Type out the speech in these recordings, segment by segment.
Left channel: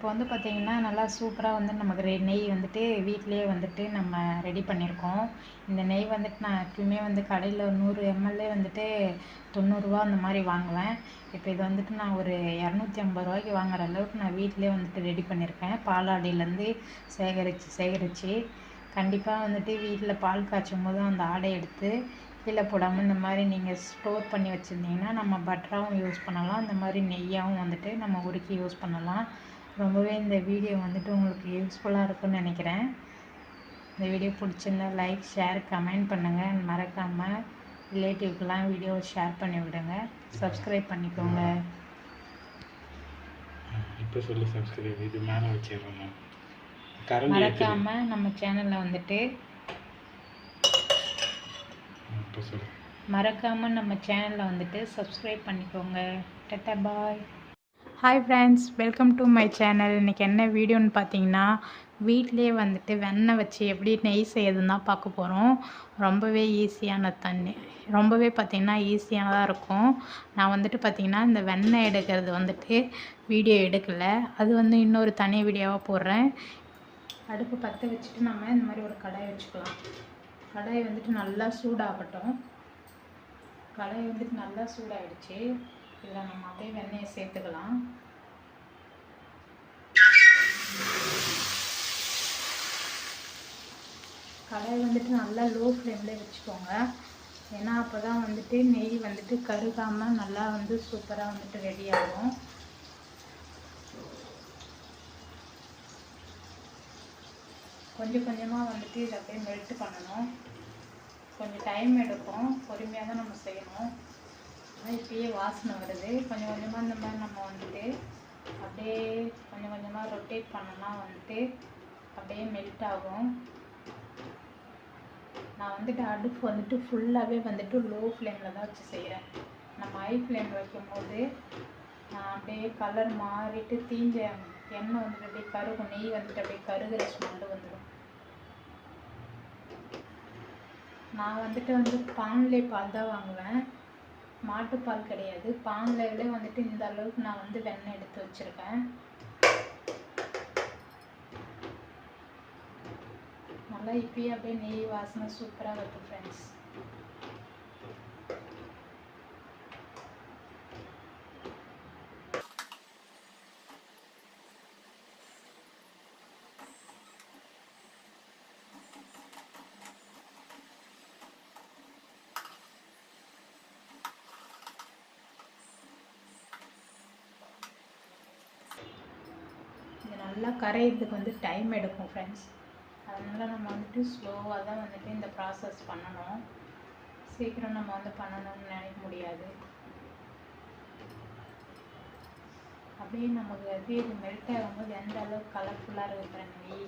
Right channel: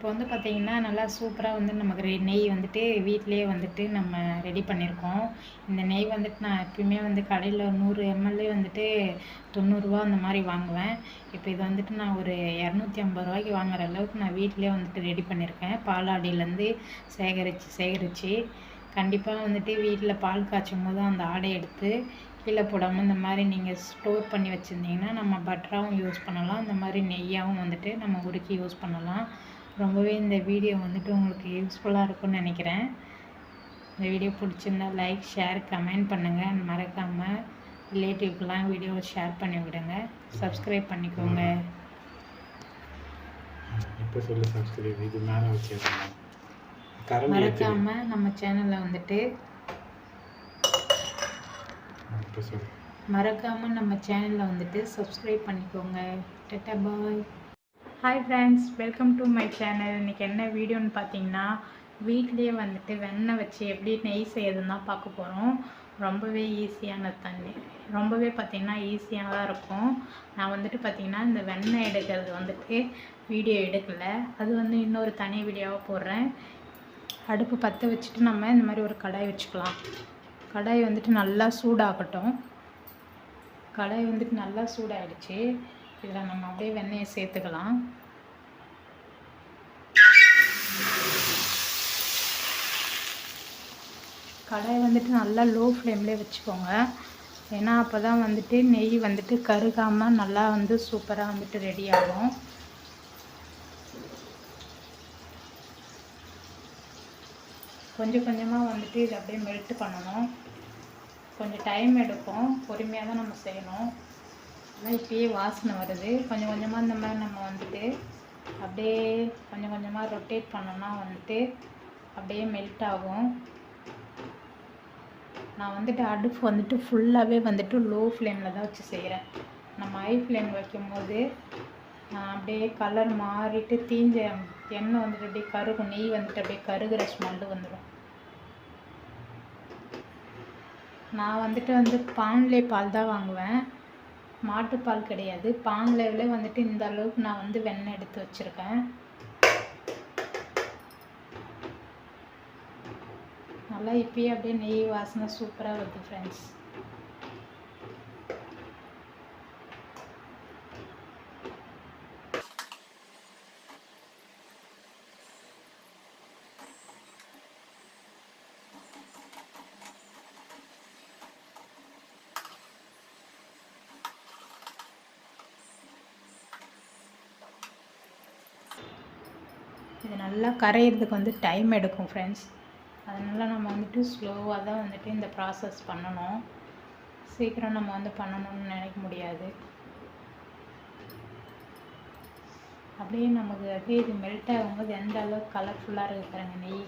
இப்போ வந்து பார்த்திங்கன்னா நல்லா சூப்பராக வந்து நமக்கு நெய் வந்துட்டு வீட்டிலே வந்துட்டு நம்ம ரெடி பண்ணியிருக்கோம். இந்த நெய் வந்துட்டு நான் எப்பயுமே வந்து கடையில் 100 ml வந்துட்டு 90 ரூபா அந்த மாதிரி வாங்குவேன். இப்போ இது வந்துட்டு நான் ஒரு 250 ரூபாய்க்கு வாங்குற அளவுக்கு நான் வீட்டிலே வந்துட்டு ரெடி பண்ணியிருக்கேன். பாலாடையிலேருந்து சேகரித்து கண்டிப்பாக வந்துட்டு வீட்டில் பால் காய்ச்சும் போது அந்த ஆடை எடுத்து கீழே போடாமல் இந்த மாதிரி நீங்கள் ஸ்டோர் பண்ணி வச்சுருந்தீங்கன்னா நம்ம பட்டராகவும் யூஸ் பண்ணலாம், இந்த மாதிரி நெய்யாகவும் வந்துட்டு நம்ம உருக்கி யூஸ் பண்ணலாம். ரொம்பவே இந்த வீடியோ வந்துட்டு உங்களுக்கு யூஸ்ஃபுல்லாக இருக்கும்னு நினைக்கிறேன். இந்த வீடியோ பிடிச்சிருந்தா லைக், ஷேர், கமெண்ட் பண்ணுங்கள். மறக்காமல் ரிலேட்டிவ்க்கெலாம் வீடியோவை ஷேர் பண்ணி விடுங்க. சப்ஸ்கிரைப் பண்ணிக்கோங்க. இப்போ சொல்லி சப்ஸ்கிரைப் இது மேலே வச்சுருக்கோங்க. மறக்காமல் நம்ம சேனலில் வந்துட்டு சப்ஸ்கிரைப் பண்ணிக்கோங்க. Tata bye. Hi friends, welcome to my channel. இன்றைக்கி என்ன வீடியோன்னு பார்த்தீங்கன்னா, வீட்டிலே வந்துட்டு வெண்ணெய் வச்சு எப்படி நெய் செய்யறதுன்னு தான் பார்க்க போகிறோம். ரொம்பவே பார்த்திங்கன்னா ஈஸியானதாக இருக்கும். நான் வந்துட்டு பார்த்திங்கன்னா இந்த வெண்ணெய் எடுக்கிறது வந்துட்டு வீடியோ எடுக்கலை, அது வந்து இன்னொரு தனி வீடியோவாக போடுறேன். அடுப்பு பற்ற வச்சுட்டு நம்ம இந்த மாதிரி ஒரு கடாய் வச்சுக்கலாம். கடாய் வந்துட்டு நல்லா சூடாகட்டும். கடாய் வந்துட்டு நல்லா சூடாகிடுச்சு. இதில் நம்ம அப்படியே வெண்ணெயை சேர்த்துக்கலாம். கடாய் வந்துட்டு நல்லா லோ ஃப்ளேம்லேயே வச்சுக்கோங்க. ஏன்னா அப்போ தான் வந்துட்டு நெய் வந்துட்டு கருகாமல் நல்லா வந்து சூப்பராக வந்துட்டு ரெடி ஆகும். கொஞ்சம் கொஞ்சமாக வந்துட்டு இதை அப்படியே மெல்ட் பண்ணணும். கொஞ்சம் டைம் எடுக்கும், பொறுமையாக தான் நம்ம செய்யணும். ஆனால் இப்போயே வாசனை வருது. கொஞ்சம் கொஞ்சமாக இந்த மாதிரி நம்ம வந்துட்டு அப்படியே கொஞ்சம் கொஞ்சமாக ரொட்டேட் பண்ணோம்னா வந்துட்டு அப்படியே மெல்ட் ஆகும். நான் வந்துட்டு அடுப்பு வந்துட்டு ஃபுல்லாகவே வந்துட்டு லோ ஃப்ளேமில் தான் வச்சு செய்கிறேன். நம்ம ஹை ஃப்ளேம் வைக்கும்போது நான் அப்படியே கலர் மாறிட்டு தீஞ்ச எண்ணெய் வந்துட்டு அப்படியே கருகும், நெய் வந்துட்டு அப்படியே கருகிற ஸ்மெல்லு வந்துடும். நான் வந்துட்டு பான்லே பால் தான் வாங்குவேன், மாட்டுப்பால் கிடையாது. பான்லேவிலே வந்துட்டு இந்த அளவுக்கு நான் வந்து வெண்ணெய் எடுத்து வச்சுருக்கேன். நல்லா இப்பயே அப்படியே நெய் வாசனை சூப்பராக வருது ஃப்ரெண்ட்ஸ். இது நல்லா கரையிறதுக்கு வந்து டைம் எடுக்கும் ஃப்ரெண்ட்ஸ். அதனால் நம்ம வந்துட்டு ஸ்லோவாக தான் வந்துட்டு இந்த ப்ராசஸ் பண்ணணும். சீக்கிரம் நம்ம வந்து பண்ணணும்னு நினைக்க முடியாது. அப்படியே நமக்கு அப்படியே இது மெல்ட் ஆகும்போது எந்த அளவுக்கு கலர்ஃபுல்லாக இருக்குது பாருங்க நெய்.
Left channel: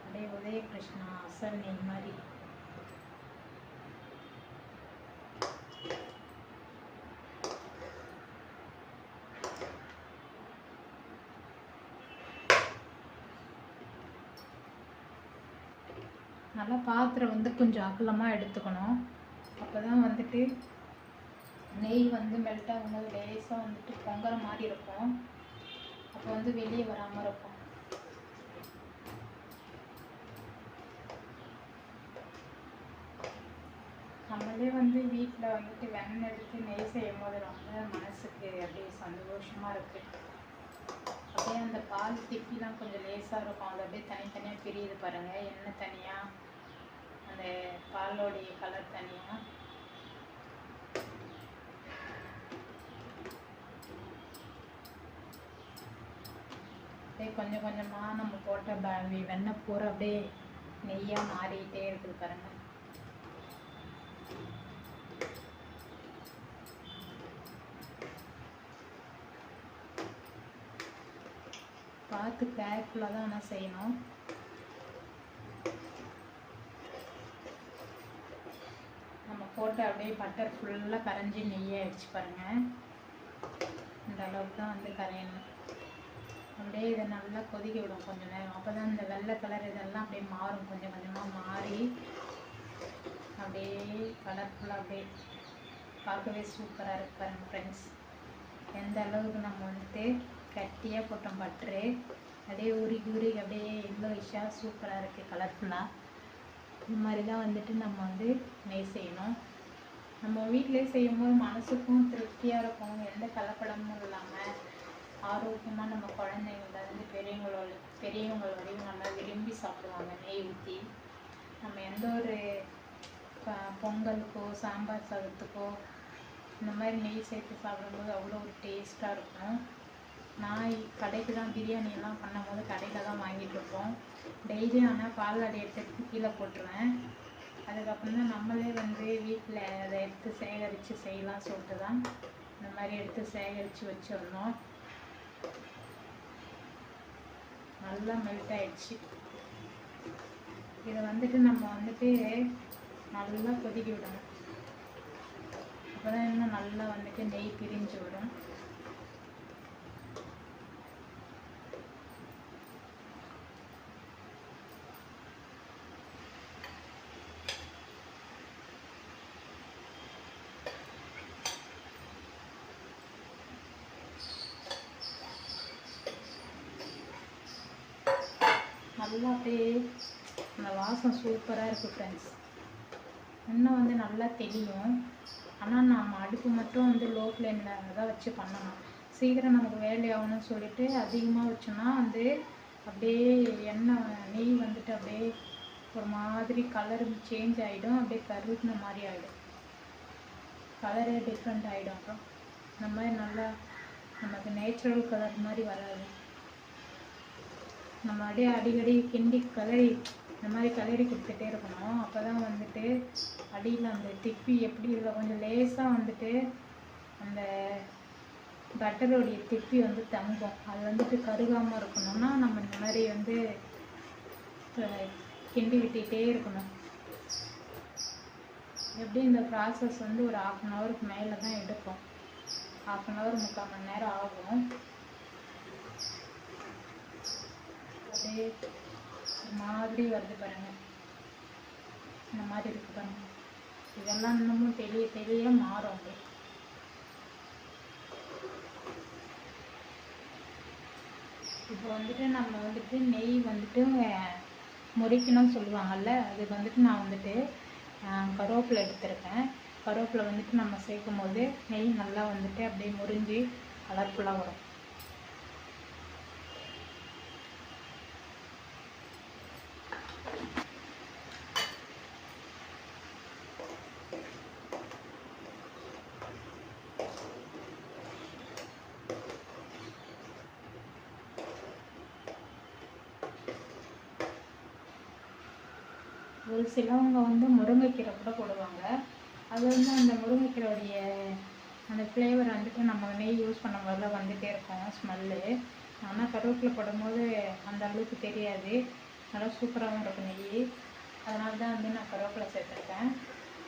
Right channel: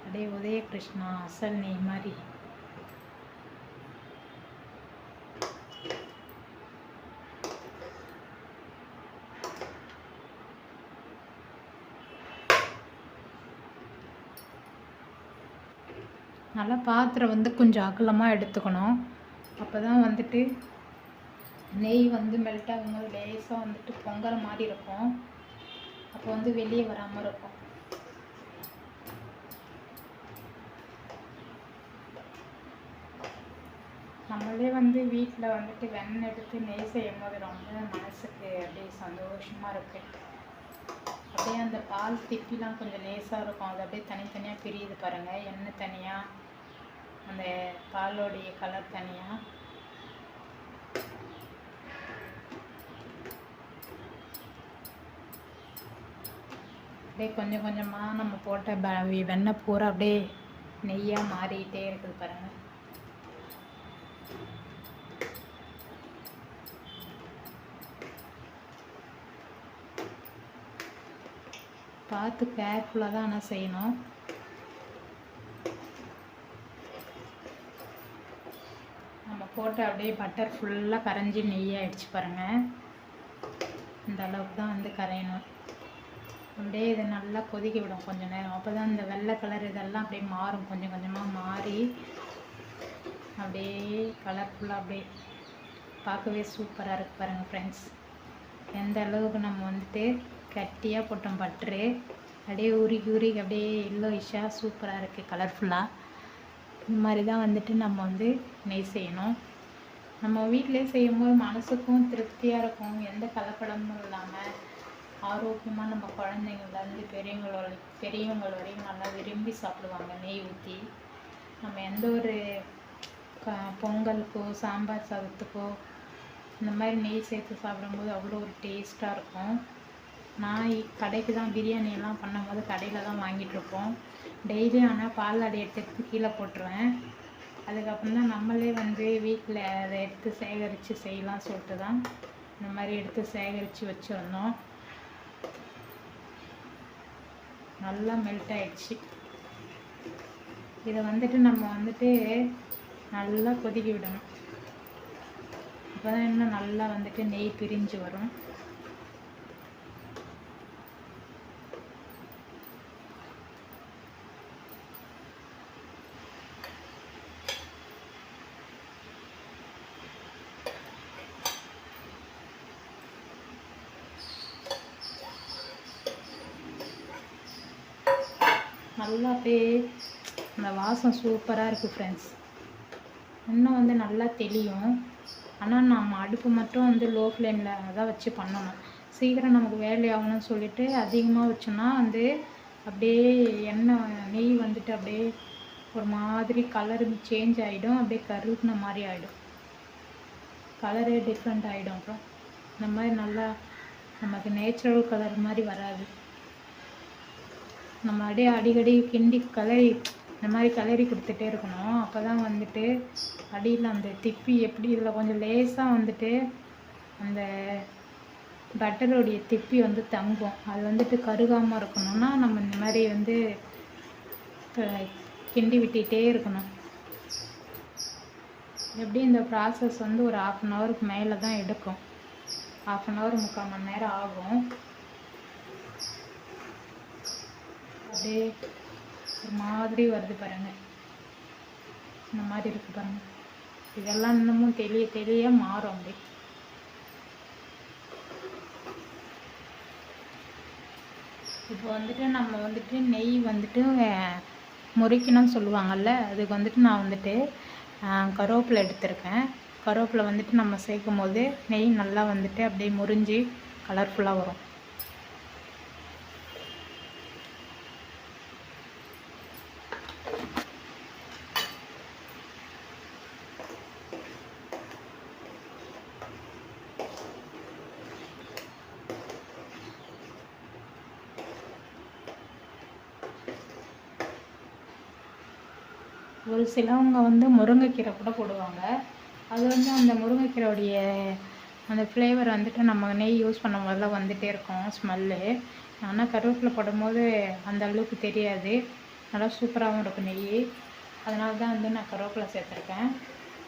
அப்படியே உதய கிருஷ்ணா அசல் நெய் மாதிரி. நல்லா பாத்திரம் வந்து கொஞ்சம் அகலமாக எடுத்துக்கணும். அப்போ தான் வந்துட்டு நெய் வந்து மெல்ட் ஆகும்போது லேசாக வந்துட்டு பொங்கல் மாதிரி இருக்கும். அப்போ வந்து வெளியே வராமல் இருக்கும். நம்மளே வந்து வீட்டில் வந்துட்டு வெண்ணெய் எடுத்து நெய் செய்யும் போது ரொம்ப மனசுக்கு அப்படியே சந்தோஷமாக இருக்குது. அப்படியே அந்த பால் திப்பிலாம் கொஞ்சம் லேசாக இருக்கும். அது அப்படியே தனித்தனியாக பிரியுது பாருங்கள். எண்ணெய் தனியாக, அந்த பாலோடைய கலர் தனியாக. அப்படியே கொஞ்சம் கொஞ்சமாக நம்ம போட்ட வெண்ணெய் பூரா அப்படியே நெய்யாக மாறிக்கிட்டே இருக்குது பாருங்கள். பார்த்து கேர்ஃபுல்லாக தான் ஆனால் செய்யணும். நம்ம போட்டு அப்படியே பட்டர் ஃபுல்லாக கரைஞ்சி நெய்யாகிடுச்சு பாருங்கள். இந்த அளவுக்கு தான் வந்து கரையணும். அப்படியே இதை நல்லா கொதிக்க விடும் கொஞ்சம் நேரம். அப்போ தான் இந்த வெள்ளை கலர் இதெல்லாம் அப்படியே மாறும், கொஞ்சம் கொஞ்சமாக மாறி அப்படியே கலர்ஃபுல்லாக அப்படியே பார்க்கவே சூப்பராக இருக்குது பாருங்கள் ஃப்ரெண்ட்ஸ். எந்த அளவுக்கு நம்ம வந்துட்டு கட்டியாக போட்டோம் பட்ரு. அப்படியே உருகி உருகி அப்படியே எல்லோயிஷாக சூப்பராக இருக்குது, கலர்ஃபுல்லாக. இந்த மாதிரி தான் வந்துட்டு நம்ம வந்து நெய் செய்யணும். நம்ம வீட்டிலே செய்யும்போது மனசுக்கும் திருப்தியாக இருக்கும், எந்த கலப்படமும் இல்லாமல் ஆரோக்கியமாக நம்ம குழந்தைங்கள்லேருந்து பெரியவங்க வரையும் நல்லா விரும்பி சாப்பிடுவாங்க நெய் ஊற்றி. நம்ம எந்த ஒரு பொங்கலுக்கோ சாம்பார் சாதத்துக்கோ இந்த மாதிரி நெய் சேர்த்து சாப்பிடும்போது அவ்வளோ ஒரு டேஸ்ட்டாக இருக்கும். நான் கடைக்கு தான் பிரியாணியெல்லாம் பண்ணும்போது கடையில் தான் வாங்கிட்டுருப்போம் டெய்லி. ஆனால் பால் அதை எடுத்து கீழே போட்டுருவேன். அதுக்கப்புறம் தான் நம்மளே வந்து வீட்டில் அதை எடுத்து சேகரித்து செய்யலாம் சொல்லிட்டு தான் இந்த மாதிரி எடுத்து சேகரித்து வச்சிருந்தோம். நல்லா மெல்ட் ஆயிடுச்சு. இதை வந்துட்டு நம்ம வந்துட்டு நல்லா கொதிக்க விடணும். அப்போ தான் இன்னும் நல்லா வந்துட்டு நெய் பிரிஞ்சு வரும். நல்லா அப்படியே அந்த வாசம் சூப்பராக இருக்குது ஃப்ரெண்ட்ஸ். இன்னும் வந்து நல்லா தெளியும். ஆனால் நம்ம அடுப்பு மட்டும் வந்து லோ ஃப்ளேமில் தான் வச்சு பண்ணணும். சீக்கிரம் நமக்கு வேலையாகணும்னு சொல்லிட்டு அதிகமாக வச்சோன்னா வந்து அப்படியே நெய் வந்துட்டு அப்படியே ஒரு மாதிரி கலர் சேஞ்ச் ஆகிடும், அப்படியே கருகுன மாதிரி ஆகிடும், கலரே டிஃப்ரெண்ட் ஆகிடும். அப்புறம் இந்த மாதிரி நல்லா நமக்கு நேச்சுரல் கலர் மாதிரி வராது. நம்ம அப்படியே அடிக்கடி கிண்டி இந்த மாதிரி கலரி கொடுத்துட்டே இருக்கணும். அப்போ தான் வந்துட்டு அடியில் அந்த திப்பி எப்படி இல்லை கொஞ்சம் லேசாக வந்துட்டு அந்த பட்டருடைய திப்பி வந்து தங்கும். அது வந்துட்டு கருகாமல் இருக்கணும்னா நம்ம இந்த மாதிரி வந்து கிண்டி விட்டுகிட்டே இருக்கணும். எப்படி இந்த ப்ராசஸ் வந்து ஒரு 1/2 அன் ஹவருக்கு மேலே தான் எடுக்கும். 1/2 அன் ஹவர் 3/4 மணி நேரம் ஆகும். அப்படியே ஒரு மாதிரி வருது பாருங்க, இந்த மாதிரி இருக்கு பாருங்க. இதெல்லாம் இன்னமும் தெளிய மாறும். அப்படி இப்போ வந்துட்டு நம்ம வந்துட்டு நெய் வந்துட்டு முறிக்கணும்னு சொல்லுவாங்கள்ல, அதுக்கு வந்துட்டு நான் வந்துட்டு கருவேப்பிலை எடுத்திருக்கேன். கருவேப்பிலை வந்துட்டு நம்ம சேர்க்கும் போது நெய் நல்லா வந்துட்டு அப்படியே முறிஞ்சி கலர்ஃபுல்லாக வரும். ஒரு சிலவங்க வந்து முருங்கைக்கீரை கூட போடுவாங்க. அது வந்து அந்த முருங்கைக்கீரையுடைய அந்த ஃப்ளேவர் வந்துட்டு நம்ம நெய் யூஸ் பண்ணவங்கெல்லாம் வந்துகிட்டே இருக்கும் ஸ்மெல்லு. ஆனால் கருவேப்பிலை போடும்போது அந்த அளவுக்கு தெரியாது, நல்லா சூப்பராகவும் இருக்கும் நெய். அதனால தான் வந்து நான் கருவேப்பிலை சேர்த்துருக்கேன்.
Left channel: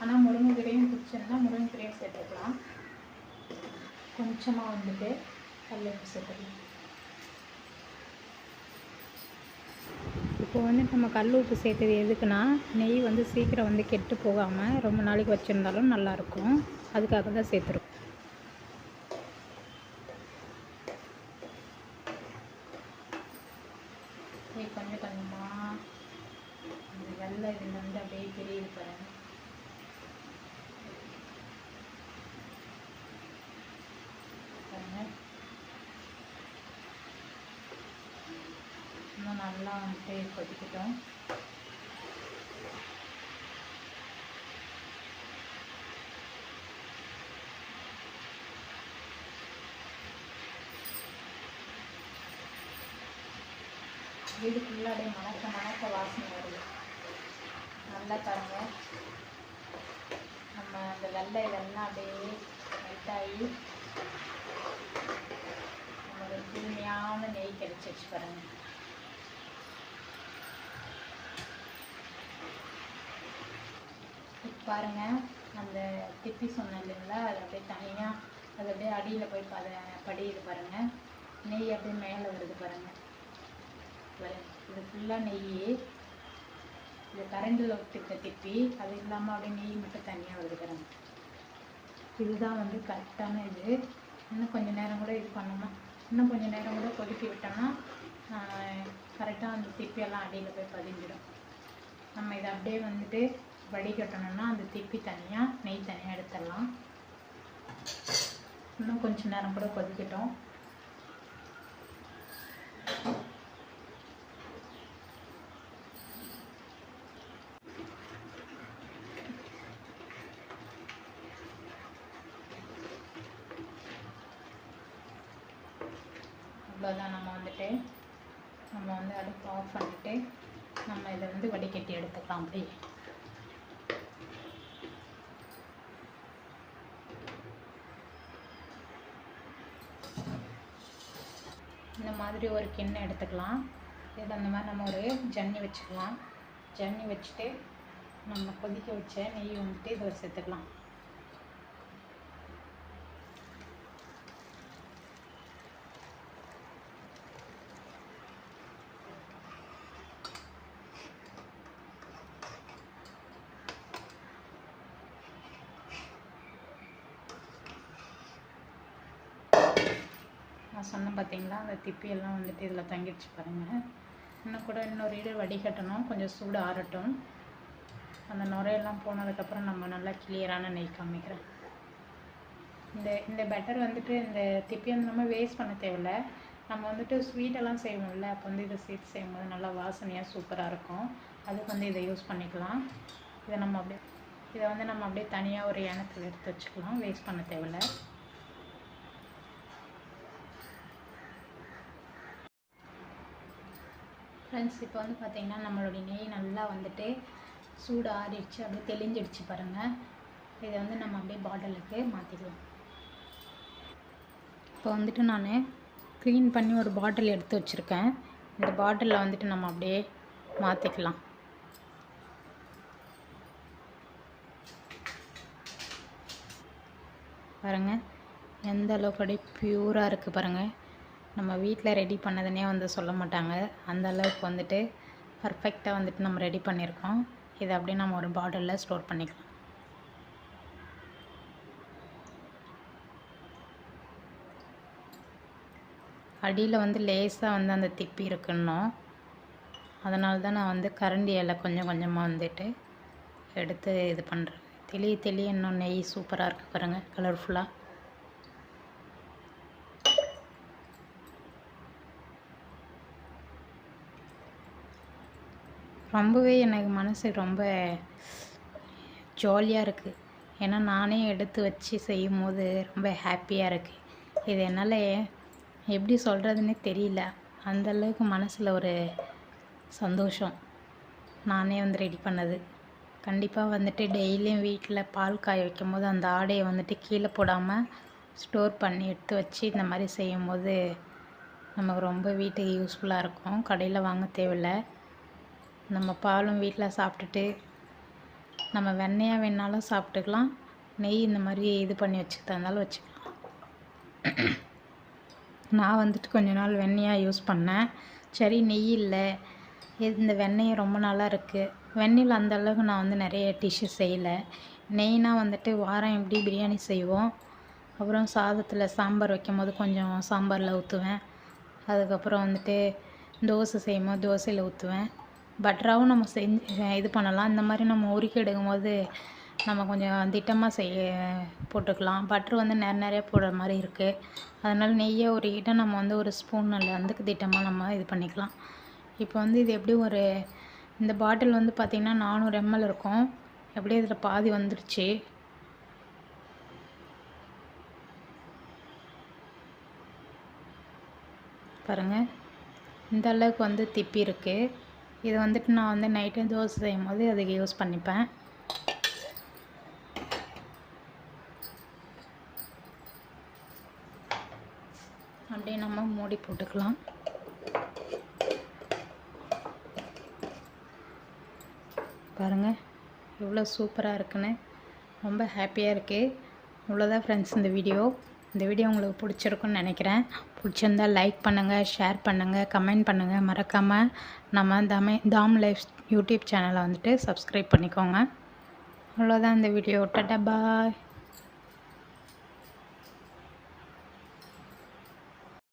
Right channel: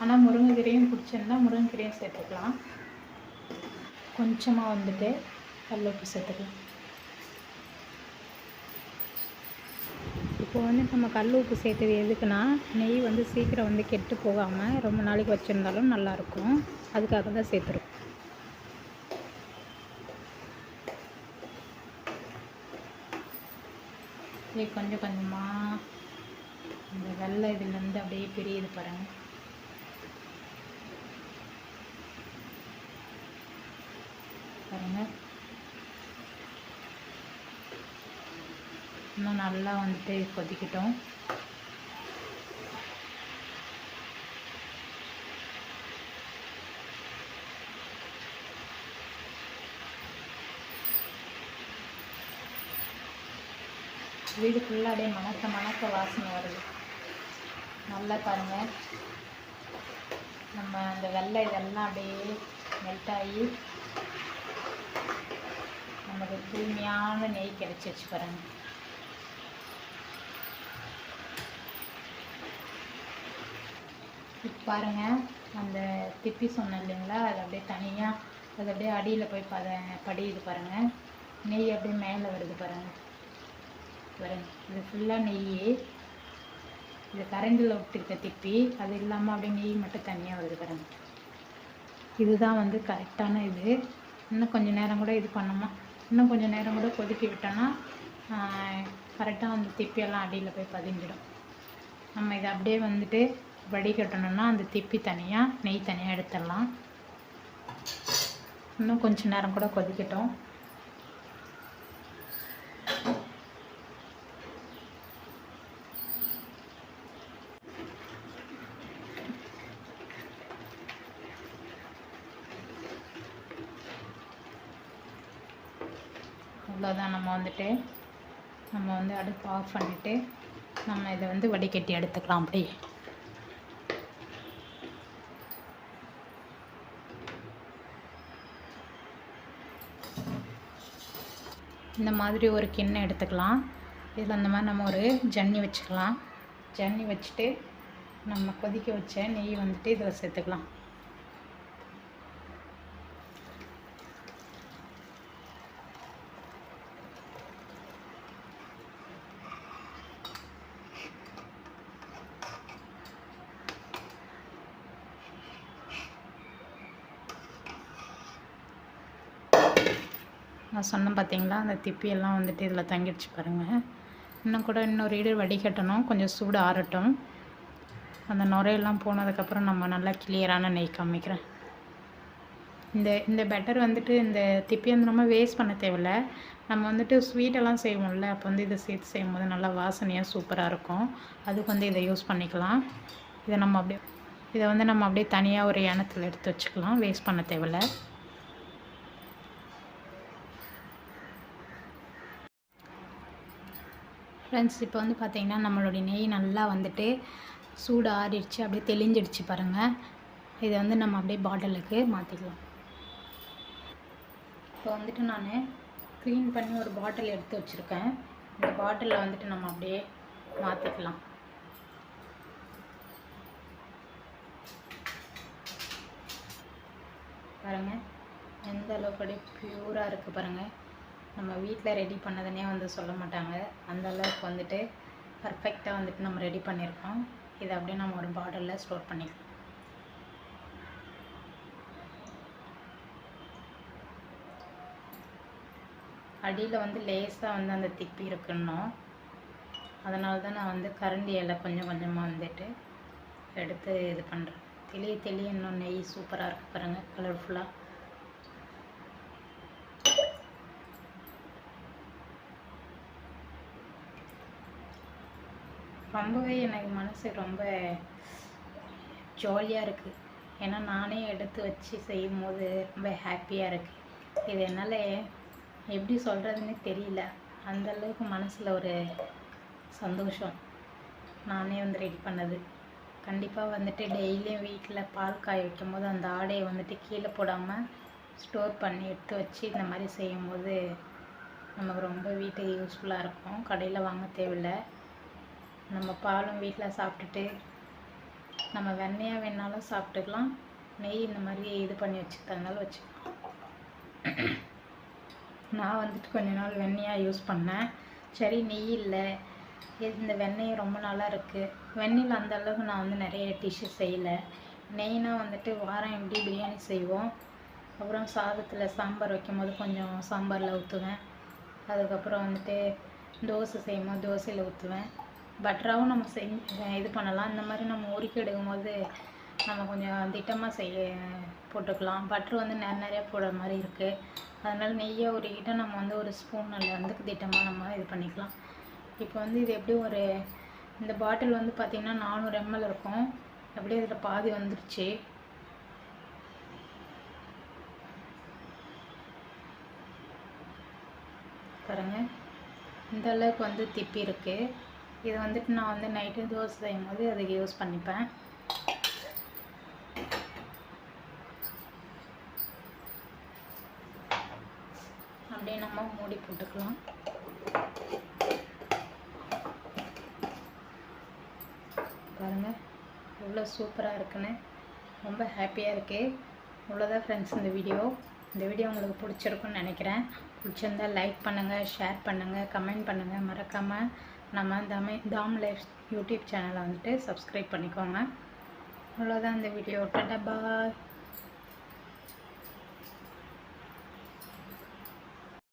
ஆனால் முருங்கைக்கீரையும் பிடிச்சிருந்தா முருங்கைக்கீரையும் சேர்த்துக்கலாம். கொஞ்சமாக வந்துட்டு கல்லுப்பு சேர்த்துக்கலாம். இப்போ வந்து நம்ம கல் உப்பு சேர்த்தது எதுக்குன்னா, நெய் வந்து சீக்கிரம் வந்து கெட்டு போகாமல் ரொம்ப நாளைக்கு வச்சுருந்தாலும் நல்லாயிருக்கும், அதுக்காக தான் சேர்த்துருக்கோம். கொஞ்சம் கொஞ்சமாக இந்த வெள்ளை இதுலேருந்து அப்படியே பிரியுது பாருங்க. பாருங்க, இன்னும் நல்லா வந்துட்டு கொதிக்கட்டும். வீடு ஃபுல்லாக அப்படியே மணக்க வாசனை வருது. நல்லா பாருங்க, நம்ம அந்த வெள்ளை இதெல்லாம் அப்படியே மெல்ட் ஆகி நமக்கு தூய்மையான நெய் கிடைச்சிச்சு பாருங்க. இப்போ பாருங்கள், அந்த திப்பி சொன்னேன் இல்லைங்களா, அது அப்படியே தனியாக அது அப்படியே அடியில் போய் படியுது பாருங்கள். நெய் அப்படியே மேலே வருது பாருங்கள். இது ஃபுல்லாக நெய், இது கரண்டில் விட்டுருக்க திப்பி, அது இல்லாமல் அப்படியே நெய் மட்டும் தனியாக வருது பாருங்கள். இதுதான் வந்து கரெக்டான இது. இன்னும் கொஞ்சம் நேரம் கூட இது பண்ணணும். இன்னும் கொஞ்சம் நேரம் கூட கொதிக்க விட்டோன்னா கரெக்டாக அந்த திப்பியெல்லாம் அடியில் போய் பதிஞ்சிடும். நம்ம இதை அப்படியே வந்துட்டு வடிகட்டணும்னா அந்த திப்பி தனியாக நெய் தனியாக எடுத்துடலாம். இன்னும் கொஞ்சம் நேரம் கூட கொதிக்கட்டும். அவ்வளோதான். நம்ம வந்து அடுப்பு ஆஃப் பண்ணிவிட்டு நம்ம இதை வந்து வடிகட்டி எடுத்துக்கலாம். அப்படி இந்த மாதிரி ஒரு கிண்ணம் எடுத்துக்கலாம். இதில் அந்த மாதிரி நம்ம ஒரு ஜன்னி வச்சுக்கலாம். ஜன்னி வச்சுட்டு நம்ம கொதிக்க வச்ச நெய் வந்துட்டு இதில் சேர்த்துக்கலாம். நான் சொன்னேன் பார்த்தீங்களா, அந்த திப்பியெல்லாம் வந்துட்டு இதில் தங்கிடுச்சு பாருங்கள். இன்னும் கூட இன்னொரு இடு வடிகட்டணும். கொஞ்சம் சூடு ஆறட்டும். அந்த நுரையெல்லாம் போனதுக்கப்புறம் நம்ம நல்லா கிளியரான நெய் காமிக்கிறேன். இந்த பெட்டர் வந்துட்டு இந்த திப்பி வந்து நம்ம வேஸ்ட் பண்ண தேவையில்லை. நம்ம வந்துட்டு ஸ்வீட்டெல்லாம் செய்வோம்ல, அப்போ வந்து இதை சேர்த்து செய்யும்போது நல்லா வாசனையாக சூப்பராக இருக்கும். அதுக்கு வந்து இதை யூஸ் பண்ணிக்கலாம். இதை வந்து நம்ம அப்படியே தனியாக ஒரு எண்ணத்தில் எடுத்து வச்சுக்கலாம். வேஸ்ட் பண்ண தேவையில்லை. ஃப்ரெண்ட்ஸ், இப்போ வந்து பார்த்திங்கன்னா நம்மளுடைய நெய் நல்லா வந்துட்டு சூடு ஆறிடுச்சு, அப்படியே தெளிஞ்சிடுச்சு பாருங்கள். இதை வந்து நம்ம அப்படியே பாட்டிலுக்கு மாற்றிக்கலாம். இப்போ வந்துட்டு நான் க்ளீன் பண்ணி ஒரு பாட்டில் எடுத்து வச்சுருக்கேன். இந்த பாட்டிலில் வந்துட்டு நம்ம அப்படியே மாற்றிக்கலாம். பாருங்கள் எந்த அளவுக்கு அப்படியே ப்யூராக இருக்குது பாருங்கள். நம்ம வீட்டில் ரெடி பண்ணதுனே வந்து சொல்ல மாட்டாங்க, அந்த அளவுக்கு வந்துட்டு பர்ஃபெக்டாக வந்துட்டு நம்ம ரெடி பண்ணியிருக்கோம். இதை அப்படியே நம்ம ஒரு பாட்டிலில் ஸ்டோர் பண்ணிக்கலாம். அடியில் வந்து லேசாக வந்து அந்த திப்பி இருக்குன்னோம். அதனால தான் நான் வந்து கரண்டியில் கொஞ்சம் கொஞ்சமாக வந்துட்டு எடுத்து இது பண்ணுறேன். தெளிய இன்னும் நெய் சூப்பராக இருக்குது பாருங்கள், கலர்ஃபுல்லாக. ரொம்பவே எனக்கு மனசு ரொம்ப ஜாலியாக இருக்குது. ஏன்னா நானே எடுத்து வச்சு செய்யும் போது ரொம்ப ஹாப்பியாக இருக்குது. இது என்னால் எப்படி சொல்கிறதுனே தெரியல. அந்தளவுக்கு மனசில் ஒரு சந்தோஷம். நானே வந்து ரெடி பண்ணது. கண்டிப்பாக வந்துட்டு டெய்லியும் வீட்டில் பால் காய வைக்கும் போது அந்த ஆடையை வந்துட்டு கீழே போடாமல் ஸ்டோர் பண்ணி எடுத்து வச்சு இந்த மாதிரி செய்யும் போது நமக்கு ரொம்ப வீட்டுக்கு யூஸ்ஃபுல்லாக இருக்கும். கடையில் வாங்க தேவையில்லை. நம்ம பாலும் வீட்டில் சாப்பிட்டுட்டு நம்ம வெண்ணெயாக வேணாலும் சாப்பிட்டுக்கலாம். நெய் இந்த மாதிரி இது பண்ணி வச்சுக்கிட்டா இருந்தாலும் வச்சுக்கலாம். நான் வந்துட்டு கொஞ்ச நாள் வெண்ணெயாக யூஸ் பண்ணேன். சரி நெய் இல்லை, இந்த வெண்ணெய் ரொம்ப நல்லா இருக்குது. வெண்ணெயில் அந்தளவுக்கு நான் வந்து நிறைய டிஷ்ஷஸ் செய்யலை. நெய்னா வந்துட்டு வாரம் எப்படி பிரியாணி செய்வோம், அப்புறம் சாதத்தில் சாம்பார் வைக்கும் போது கொஞ்சம் சாம்பாரில் ஊற்றுவேன். அதுக்கப்புறம் வந்துட்டு தோசை செய்யும் போது தோசையில் ஊற்றுவேன். பட்டராகவும் நம்ம இது பண்ணலாம். இந்த மாதிரி நம்ம உருக்கி எடுக்கும்போது நம்ம கொஞ்சம் திட்டமாக போட்டுக்கலாம். பட்ரு வந்து நிறைய போடுற மாதிரி இருக்குது. அதனால் நெய்யை உருக்கிட்ட நம்ம வந்து ஒரு ஸ்பூனில் வந்து திட்டமாக நம்ம இது பண்ணிக்கலாம். இப்போ வந்து இது எப்படி இந்த பாட்டில் வந்து பார்த்திங்கன்னா 400 ml இருக்கும். எப்படியும் இதில் பாதி வந்துருச்சு. பாருங்கள் இந்த அளவுக்கு வந்து திப்பி இருக்குது. இது வந்துட்டு நான் வந்து நைட்டு தோசை செய்யும் போது அதுக்கு யூஸ் பண்ணிப்பேன். அப்படியே நம்ம மூடி போட்டுக்கலாம். பாருங்கள் எவ்வளோ சூப்பராக இருக்குன்னு, ரொம்ப ஹாப்பியாக இருக்குது. இவ்வளோதான் ஃப்ரெண்ட்ஸ் இந்த வீடியோ உங்களுக்கு பிடிச்சிருக்குன்னு நினைக்கிறேன். பிடிச்சிருந்தால் லைக் பண்ணுங்கள், ஷேர் பண்ணுங்கள், கமெண்ட் பண்ணுங்கள். மறக்காமல் நம்ம தாம் லைஃப் யூடியூப் சேனலை வந்துட்டு சப்ஸ்கிரைப் பண்ணிக்கோங்க. அவ்வளோதான் இந்த வீடியோ. டாடா பாய்.